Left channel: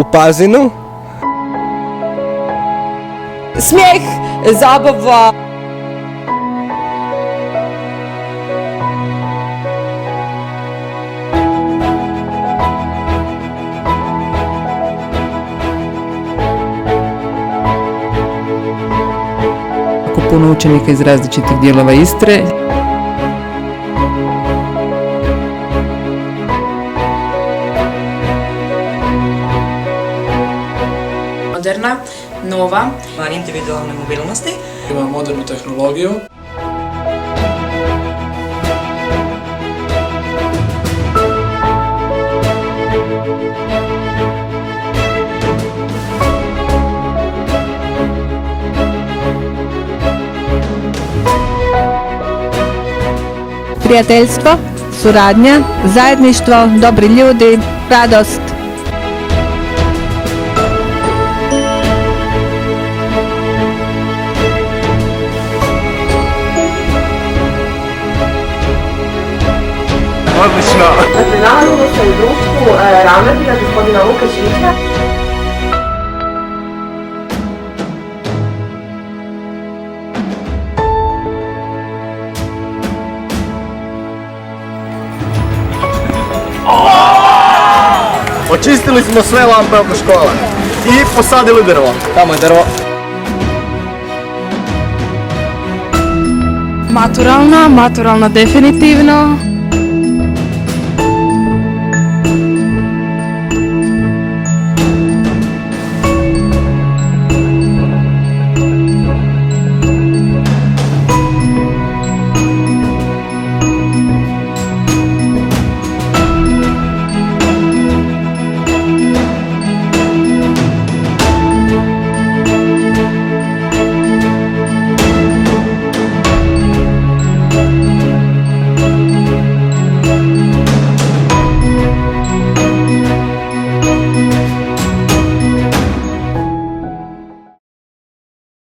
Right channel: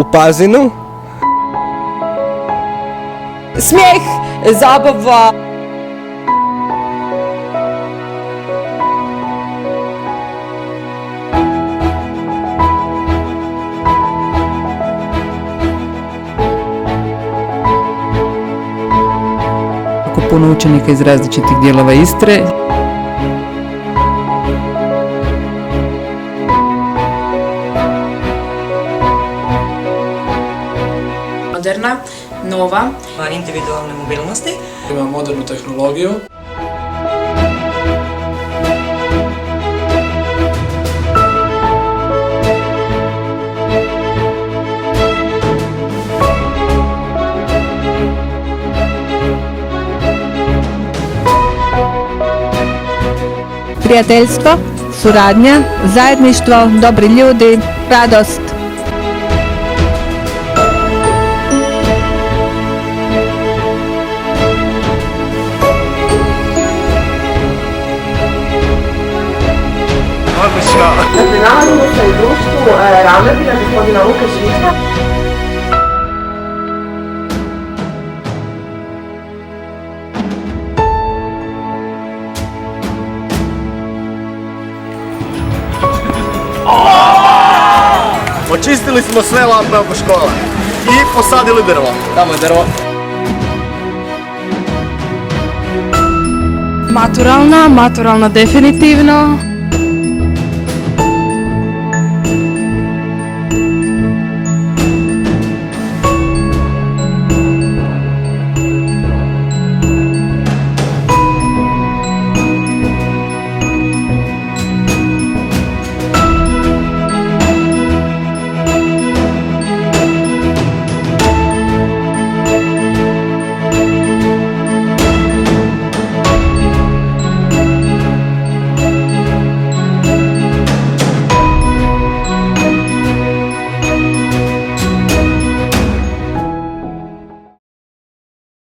U Pazinu. Smijeh, zabava. Puno učenika iz različitih dijelova Istre. Moderna, nova, individualne mobilnosti. Ima modernu tehnologiju. Odlično. Dakle, nalazimo se u društvu ravnatelja gospodina Lukašića. Očistili smo sve lampe oko škole i posadili drvo. Tamo je drvo.